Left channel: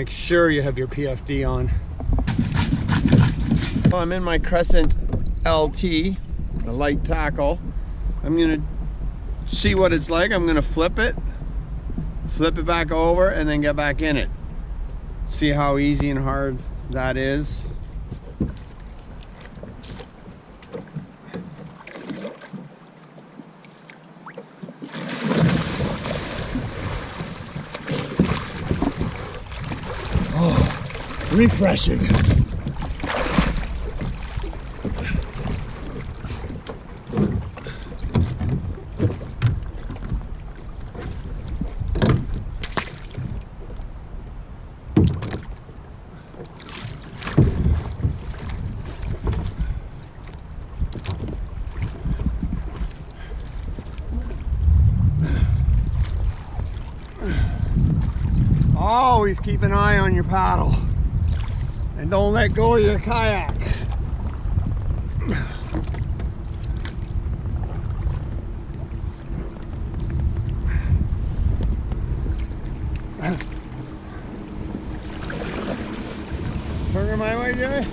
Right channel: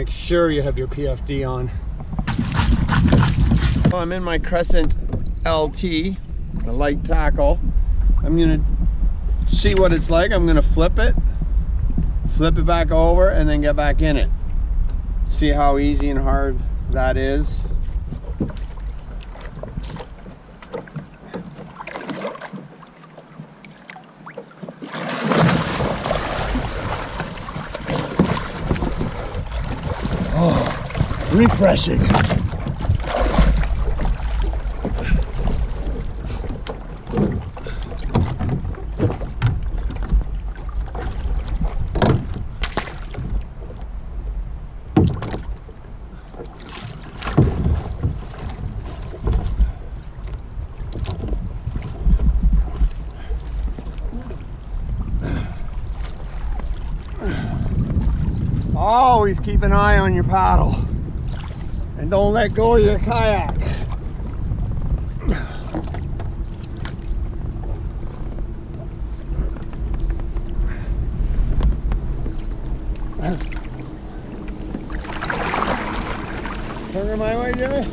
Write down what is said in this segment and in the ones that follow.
Make sure you have your PFD on. Well, I'm in my Crescent LT, the light tackle. I'm gonna see what it's like. I'm gonna flip it back over, and then get back in it. See how easy and hard that is. Oh, refreshing. Always keep an eye on your paddle and don't let go of your kayak. Turn her my way, Jimmy.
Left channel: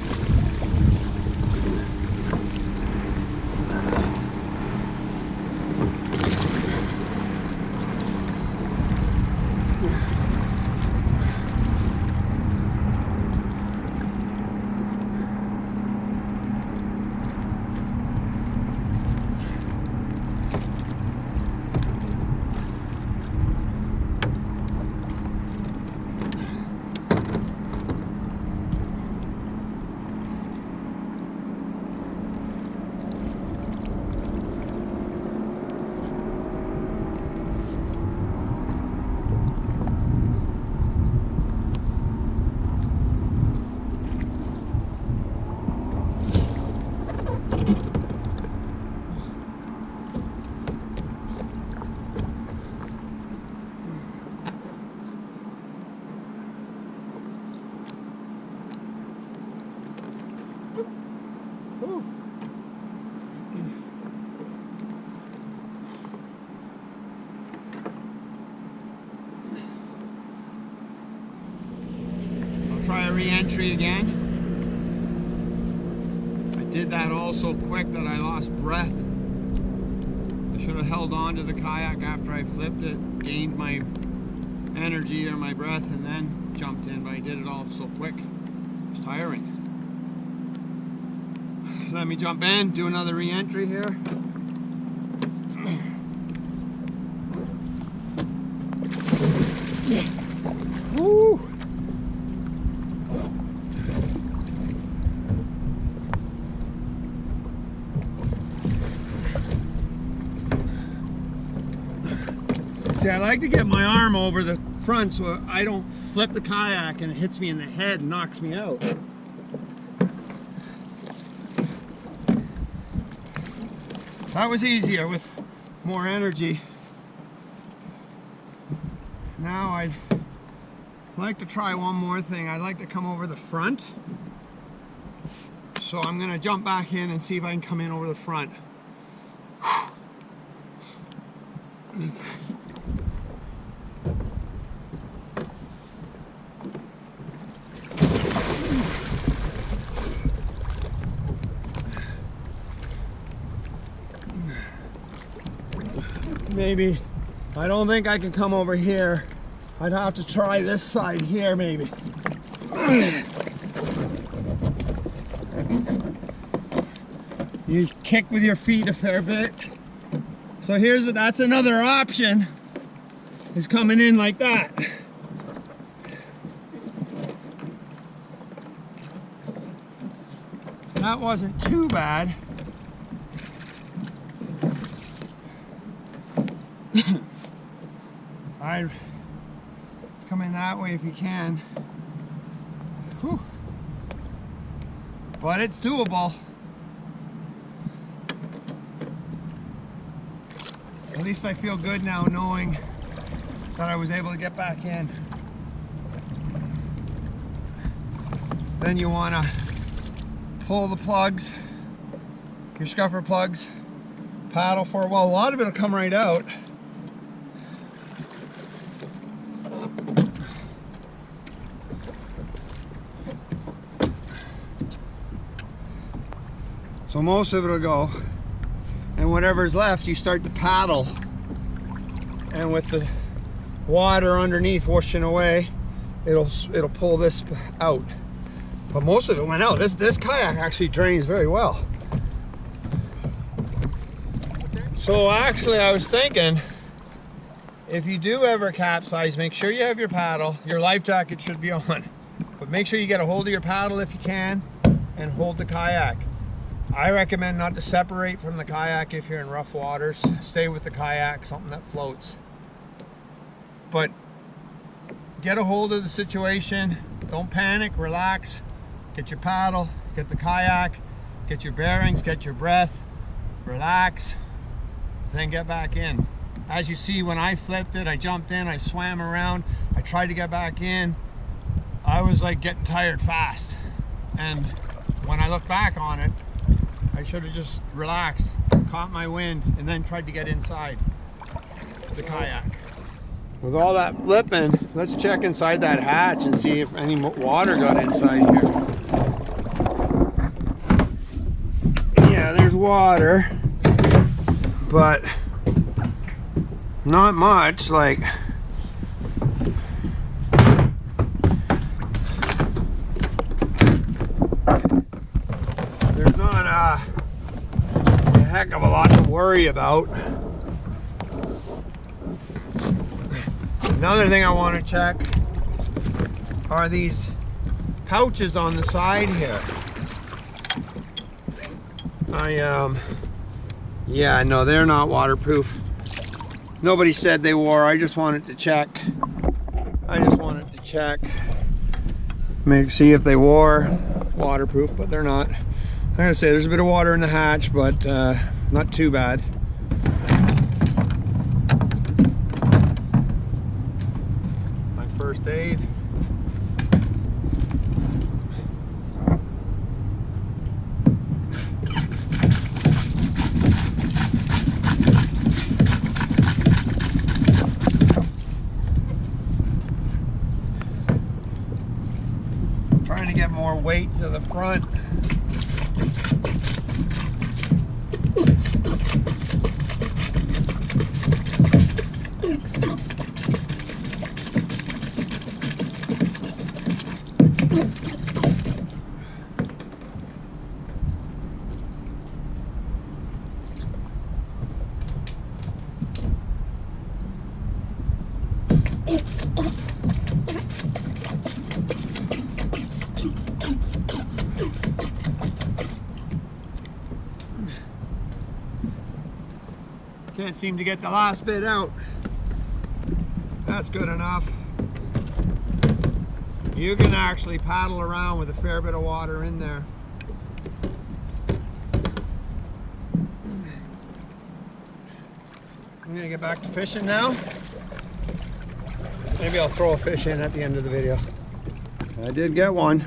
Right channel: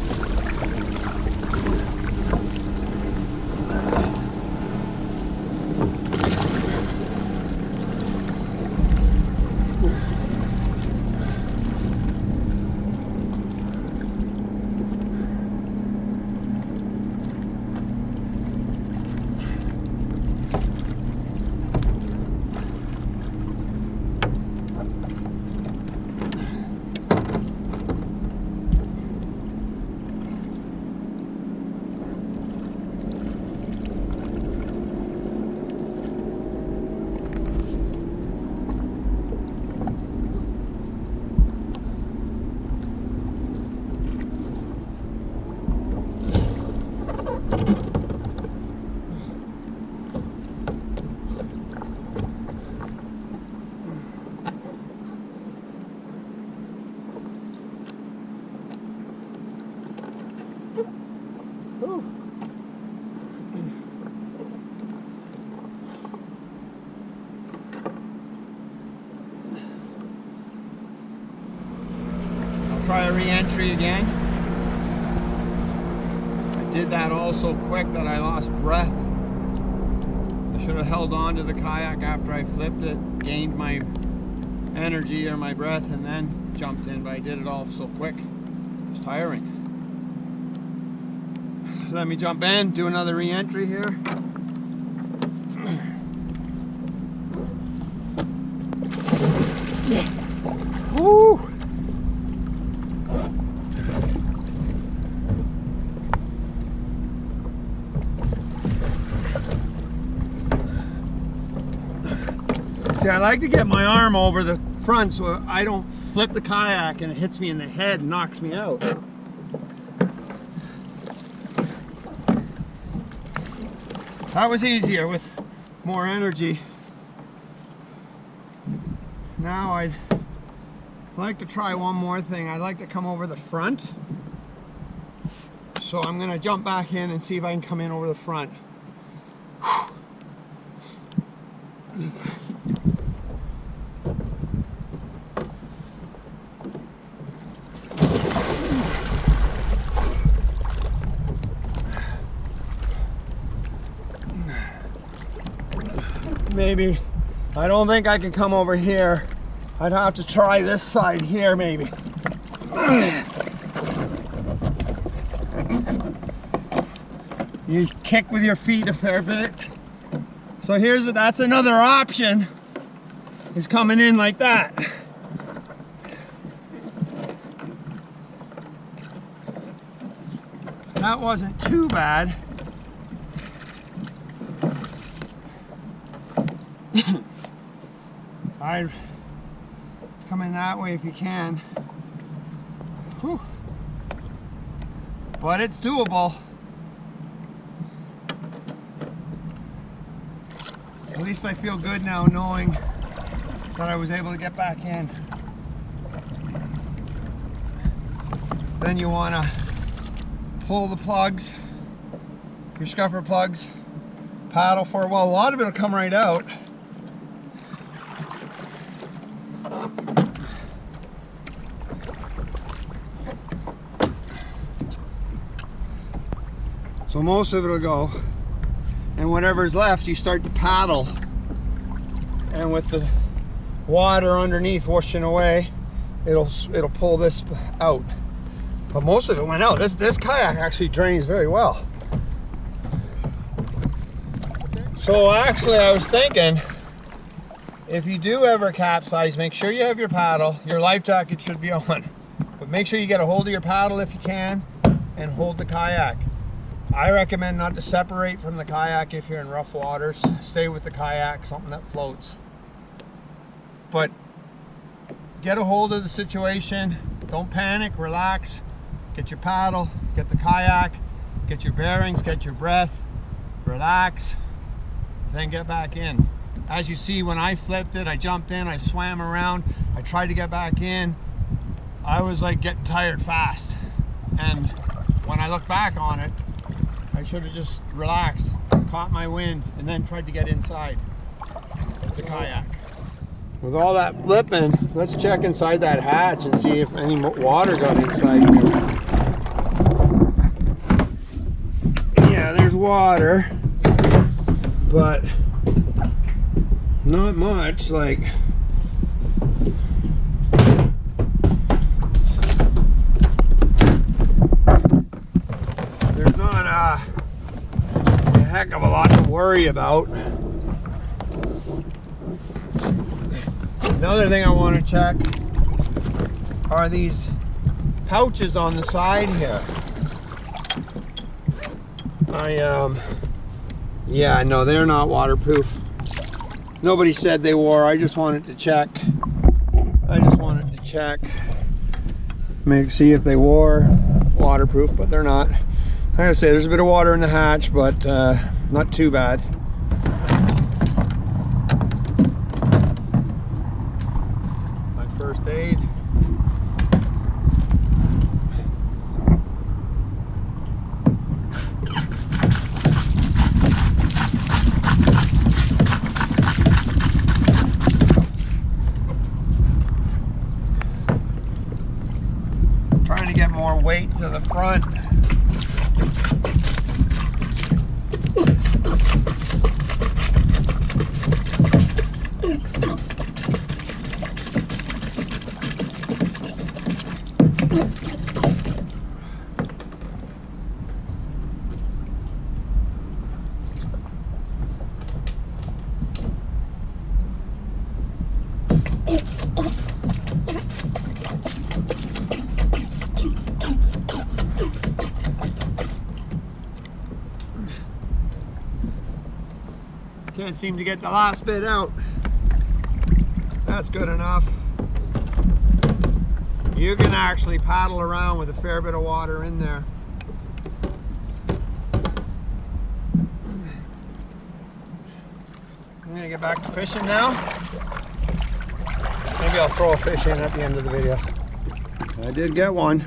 Try a re-entry again. I did that all so quick that I lost breath. I should have held on to the kayak after I flipped it, gained my energy or my breath, and then jumped in, but I did it all so quick. It was tiring. Let me jump in, do another re-entry here. Woo! See, I like to get my arm over the front so I don't flip the kayak and it hits me in the head and knocks me out. That was easier with more energy. Now I'd like to try one more thing. I'd like to come over the front. So I'm going to jump back in and see if I can come in over the front. Maybe. I don't think I can come over here. I'd have to try this side here, maybe. You kick with your feet a fair bit. So that's another option, is coming in like that. That wasn't too bad. I'd come in that way if you can. Whew. But it's doable. At least I feel good now knowing that I was able to get back in. Then you want to pull the plugs, your scupper plugs, paddle for a while. A lot of it will come right out. So most of it will go, and whatever's left you start to paddle, and with the water underneath washing away, it'll pull this out. But most of it went out. This kayak actually drains very well. So actually I was thinking, if you do ever capsize, make sure you have your paddle. Your life jacket should be on, but make sure you get a hold of your paddle if you can, and hold the kayak. I recommend not to separate from the kayak if you're in rough waters. Stay with the kayak, something that floats. But get a hold of the situation. Don't panic, relax. Get your paddle, get the kayak, get your bearings, get your breath, relax, then get back in. As you see, when I flipped it, I jumped in, I swam around, I tried to get back in. I was like getting tired fast. And when I look back on it, I should have just relaxed, caught my wind, and then tried to get inside the kayak. With all that flipping, let's check inside that hatch and see if any water got inside here. Yeah, there's water, but not much. Like, there's not a heck of a lot to worry about. Another thing I want to check are these pouches on the side here. Yeah, no, they're not waterproof. Nobody said they were. I just wanted to check. See if they were waterproof, but they're not. I'm gonna say there's a bit of water in the hatch, but not too bad. My first aid. Trying to get more weight to the front. Can't seem to get the last bit out. That's good enough. You can actually paddle around with a fair bit of water in there. I'm gonna get back to fishing now. Maybe I'll throw a fish in at the end of the video. I did get one.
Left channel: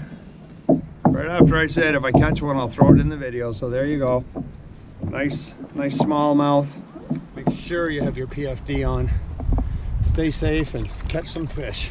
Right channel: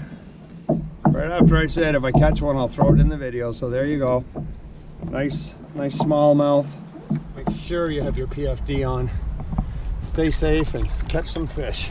Right after I said if I catch one, I'll throw it in the video. So there you go. Nice smallmouth. Make sure you have your PFD on. Stay safe and catch some fish.